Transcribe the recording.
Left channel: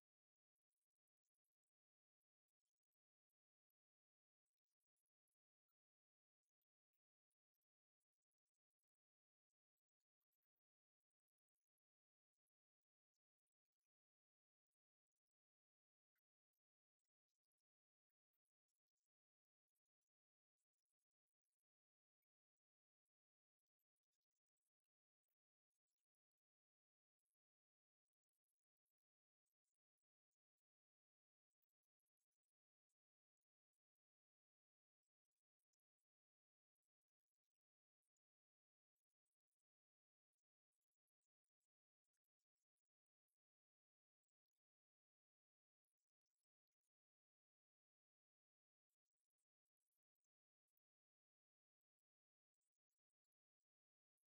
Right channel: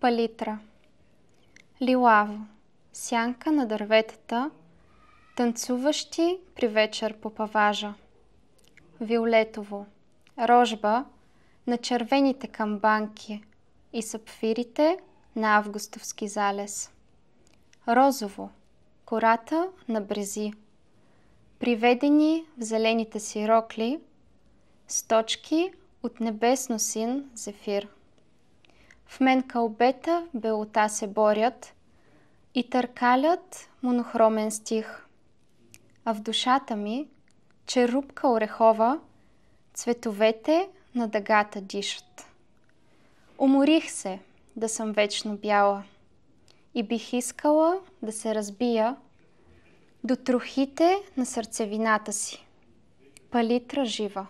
Палитра. Лилаво. Сянка на дърветата, танцуващи при вечер по паважа. Виолетово. Рожба на червените камбанки и сапфирите на августовски залез. Розово. Кората на брези, приведени в зелените си рокли, с точки от небесно син зефир. В мен кълбета белота се борят и търкалят монохромен стих, а в душата ми, черупка орехова, цветовете на дъгата дишат. Уморих се да съм вечно бяла и бих искала да се разбия до трохите на сърцевината си. Палитра жива.